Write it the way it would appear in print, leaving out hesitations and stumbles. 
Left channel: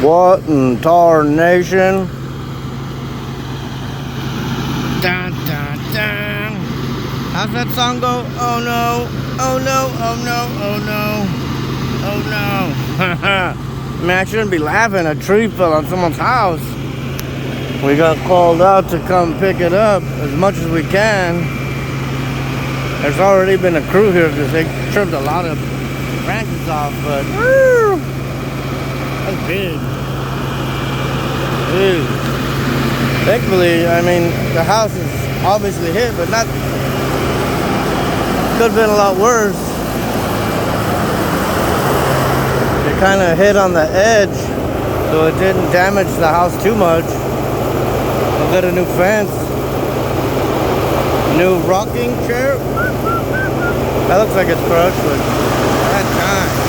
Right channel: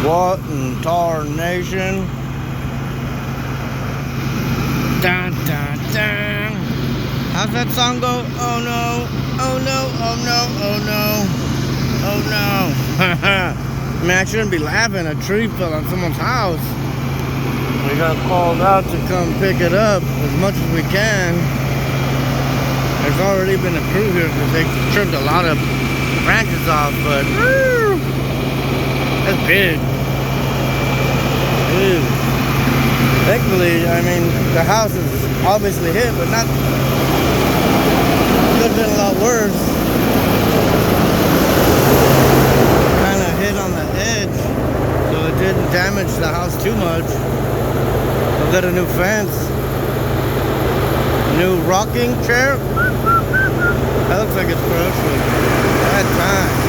What in tarnation? Dun, dun, dun. How's that song go? Oh no, oh no, oh no, oh no, oh no. Man, I shouldn't be laughing. A tree fell on someone's house. We got called out to come pick it up as much as we can. There's already been a crew here because they trimmed a lot of branches off, but that's big. Ew. Thankfully, I mean, the house is obviously hit, but not. Could have been a lot worse. It kind of hit on the edge, so it didn't damage the house too much. I've got a new fence, new rocking chair. That looks like it's crushed, but bad time.